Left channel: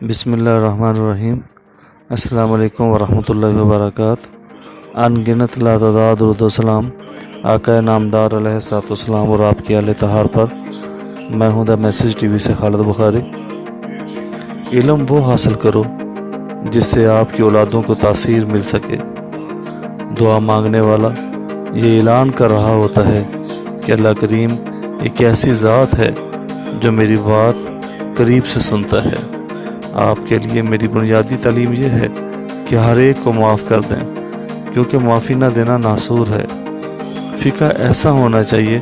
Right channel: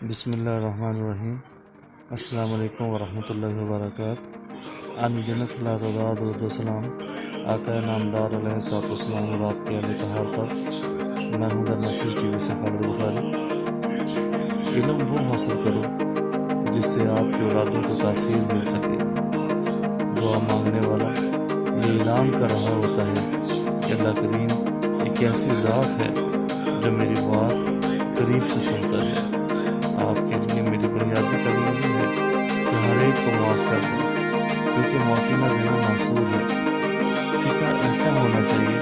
بسم اللہ الرحمن الرحیم۔ السلام علیکم ورحمۃ اللہ وبرکاتہ۔ ان گنت لاتعداد درود و سلام آقا نامدار علیہ الصلوۃ والسلام اور آپ کی اہل طہار پر۔ میں ہوں دا میسیج ٹی وی سے خالد بخاری۔ علم وہ حاصل کرو جس سے آپ کی اولادوں کو تاثیر مل سکے۔ دعا مانگنے والا یہ اعلان کر رہا ہوتا ہے کہ اللہ کریم ایک ایسی ذات ہے جو میری بات قریب سے سنتا ہے۔ آپ کے لیے میری بنیادی تعلیم یہ ہے کہ ہر ایک کو معاف کر دیں، کیونکہ معافی نہ دینا ناصور ہے۔ فقہ ایسا ہونا چاہیے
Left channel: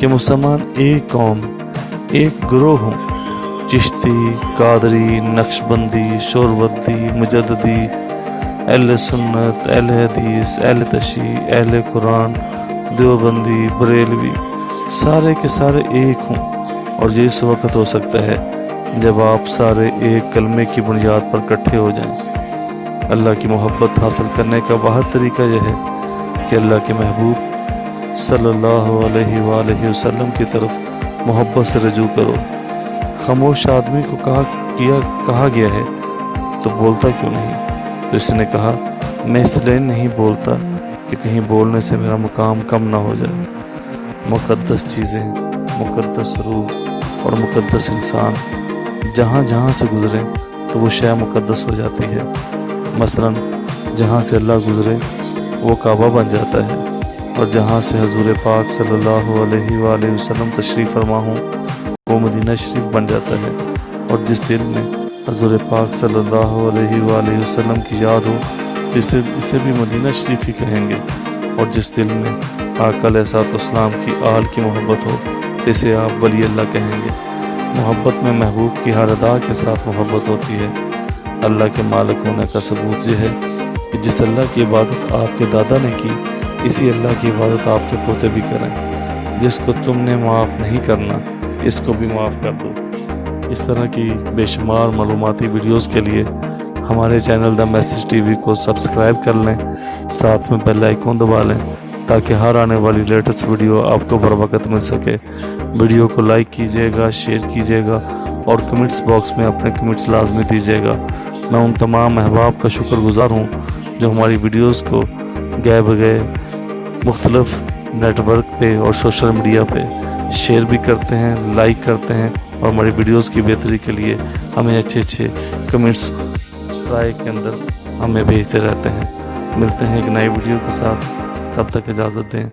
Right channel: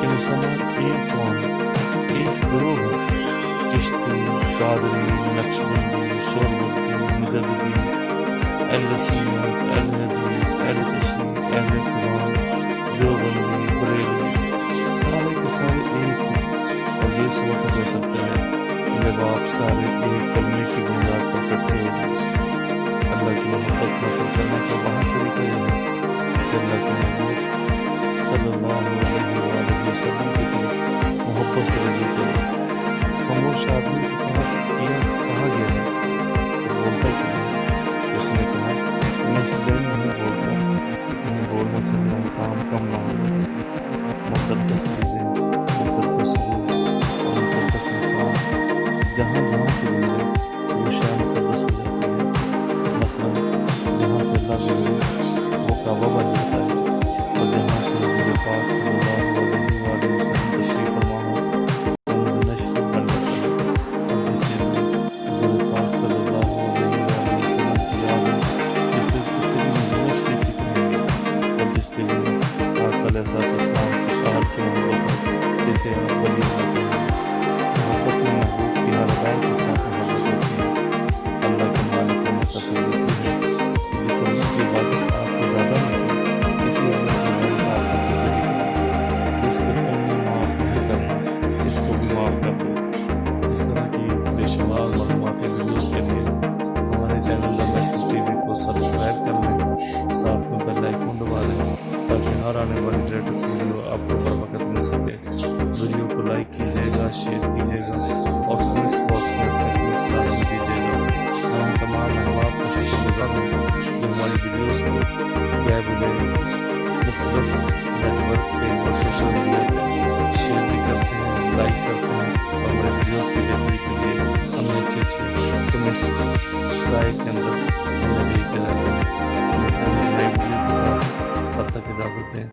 کہ مسلمان ایک قوم، ایک گروہ ہوں۔ چشتی، قادری، نقشبندی، شوروردی، مجددی، اہل سنت، اہل حدیث، اہل تشیع، اہل قرآن، دیوبندی، بریلوی، سارے کے سارے ایک ہوں۔ اور یہ اس وقت ہو سکتا ہے جب آپ سارے ایک کلمے کی بنیاد پر اکٹھے ہو جائیں۔ اللہ کی محبت حاصل کرنے کا واحد طریقہ یہ ہے کہ اللہ کے محبوب صلی اللہ علیہ وآلہ وسلم کی طرف محبت سے رجوع کرو۔ خاموش آدمی کو کہا گیا ہے تو بولتا کیوں نہیں؟ تو اس نے کہا، میں اس لیے نہیں بولتا کہ کہیں بولنے سے میرا مقام کم نہ ہو جائے۔ مقدس چیزیں، مقدس روح اور مقدس انسان جہاں جہاں سے گزرے تو وہ شے مقدس ہو جاتی ہے۔ مثلا جہاں سے اللہ گزرے وہ کعبہ بن جاتا ہے، اور جہاں سے حضور پاک صلی اللہ علیہ وآلہ وسلم تشریف فرما ہوں وہ مدینہ شریف بن جاتا ہے۔ اور جس دل میں حضور پاک صلی اللہ علیہ وآلہ وسلم کی یاد ہو اسے بھی مدینہ شریف ہی کہیں گے۔ اور جس دل میں آقا علیہ الصلوۃ والسلام کی آل کی محبت ہو تو اسے آپ ولی اللہ کہیں گے۔ محبت میں محبوب کی ہر ادا کے ساتھ محبت ہوتی ہے۔ اللہ کے مالک ہونے کا ثبوت یہ ہے کہ جس اللہ کی عبادت آپ کے دادا نے کی، اسی اللہ کی عبادت آپ کے پوتے بھی کریں۔ جس کو تم نے معاف نہیں کرنا اس کو بھی معاف کر دو۔ اس طرح کی بے شمار معلوماتی ویڈیوز کے لیے ہمارے channel the message T V کو سبسکرائب کر لیں، ساتھ میں بیل آئیکن دبا لیں تاکہ ہر آنے والی لیٹسٹ ویڈیو آپ کو بر وقت مل سکے۔ ویڈیو کو لائک کیجیے گا، شیئر کیجیے گا اور کمنٹس باکس میں اپنے کمنٹس لازمی دیجیے گا۔ میں ان تمام احباب کا شکر گزار ہوں جو ہماری ویڈیوز کو گئے بگئے مختلف نیٹ ورک پہ اور سوشل میڈیا پہ شیئر بھی کرتے ہیں، لائک کرتے ہیں، اور ہماری ویڈیوز کی بہتری کے لیے ہمیں اچھے کمنٹس رائے کے اندر ہمیں بھیجتے رہتے ہیں۔ ملتے ہیں ایک نئی ویڈیو کے ساتھ، تب تک اجازت دیں۔